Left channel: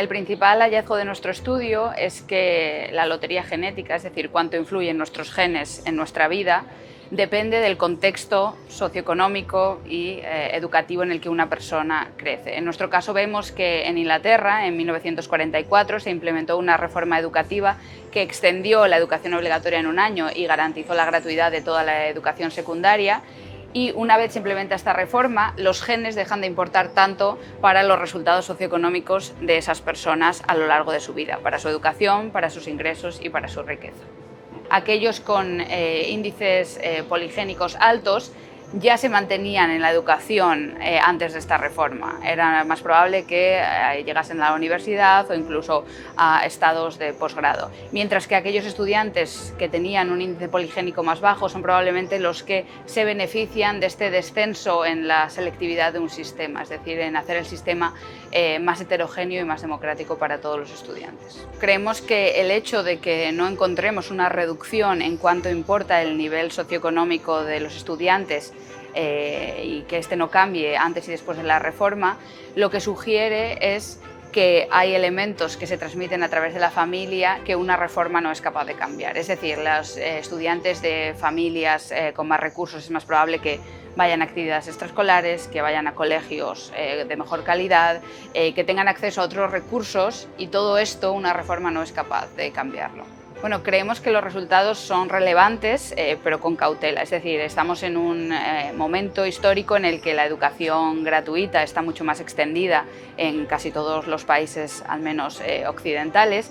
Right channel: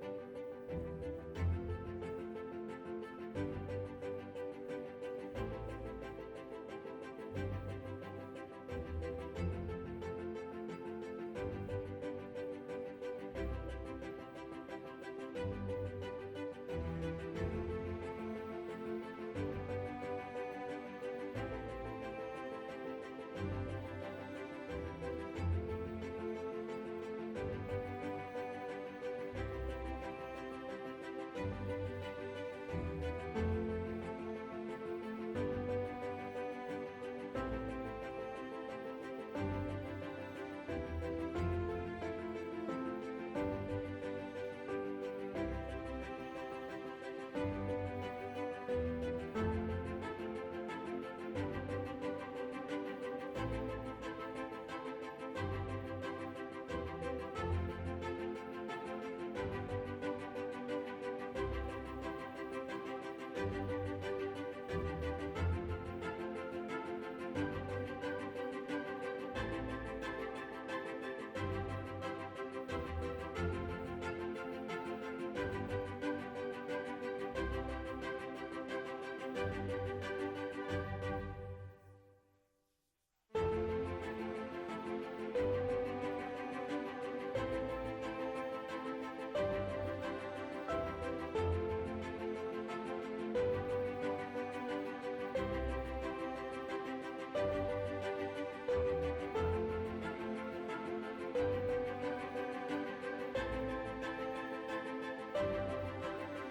El principal hallazgo de nuestro estudio es que la lotería genética, es decir, cuánto influyen nuestros genes en nuestra vida, depende del contexto socioeconómico y educativo en el que una persona crece. En nuestro caso vemos que en Inglaterra, en 1944, se implementó una reforma educativa que extendió la educación obligatoria en un año y garantizó la gratuidad de toda la educación secundaria. Y una vez se implementa esta reforma, los genes dejan de importar tanto para los resultados socioeconómicos de esas personas a lo largo de su vida, para su educación, para sus ingresos y para su riqueza. Aquellos con índices poligénicos altos ya se mantenían en la educación antes de esta reforma. Era más probable que llegasen a la universidad o incluso a estados de posgrado. Mientras que aquellos estudiantes que tenían un índice poligénico más bajo son probablemente los que se benefician de este descenso en la selectividad de un sistema, es decir, en hacer el sistema más heterogéneo y más democrático para todos los estudiantes. Creemos que el hecho de que no encontremos una reducción en cuanto importa el nivel socioeconómico de los estudiantes y que este no cambie antes y después de la reforma, lo que sugiere es que hay elementos que se transmiten a través de la familia que una reforma no es capaz de cambiar. Es decir, los estudiantes de familias con más recursos es más probable que vayan a actividades extraescolares, que vayan a colegios de mejor calidad, que tengan acceso a otros recursos, y todo esto una reforma no es capaz de cambiarlo. Bueno, creemos que los resultados son relevantes, pero con cautela. Es decir, estamos en un momento histórico en el que la educación gratuita está mucho más extendida en casi todos los países, al menos occidentales,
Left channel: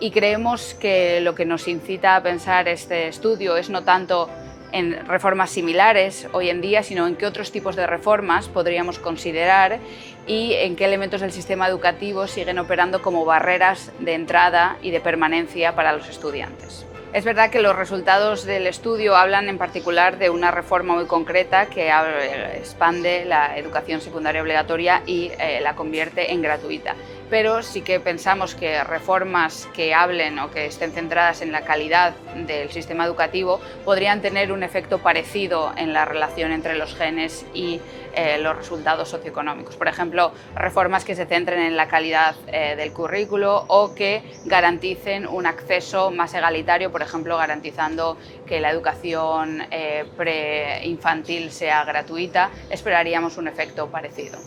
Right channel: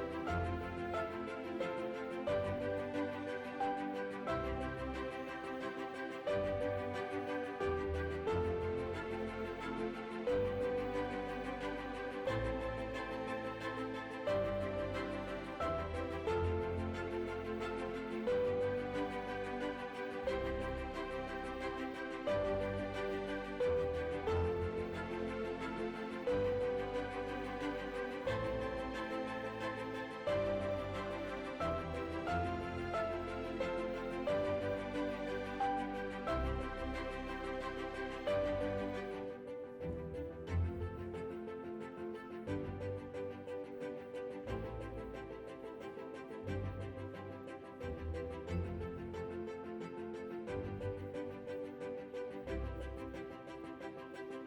y creemos que lo que nos incita a pensar este estudio es no tanto en reformas similares hoy en día, sino en qué otros tipos de reformas podríamos considerar y en qué elementos del sistema educativo siguen operando como barreras de entrada y de permanencia para los estudiantes. Es verdad que los resultados del estudio hablan en particular de una reforma muy concreta que expande la educación secundaria obligatoria y la convierte en gratuita. Pero sí que pensamos que reformas que hablen o que estén centradas en la calidad del sistema educativo podrían tener un efecto parecido en la relación entre los genes y los resultados socioeconómicos. Por ejemplo, reformas que se centren en la calidad del currículo o que garanticen un acceso más egalitario, por ejemplo, garantizando que la educación preinfantil sea gratuita. Esperaríamos un efecto parecido.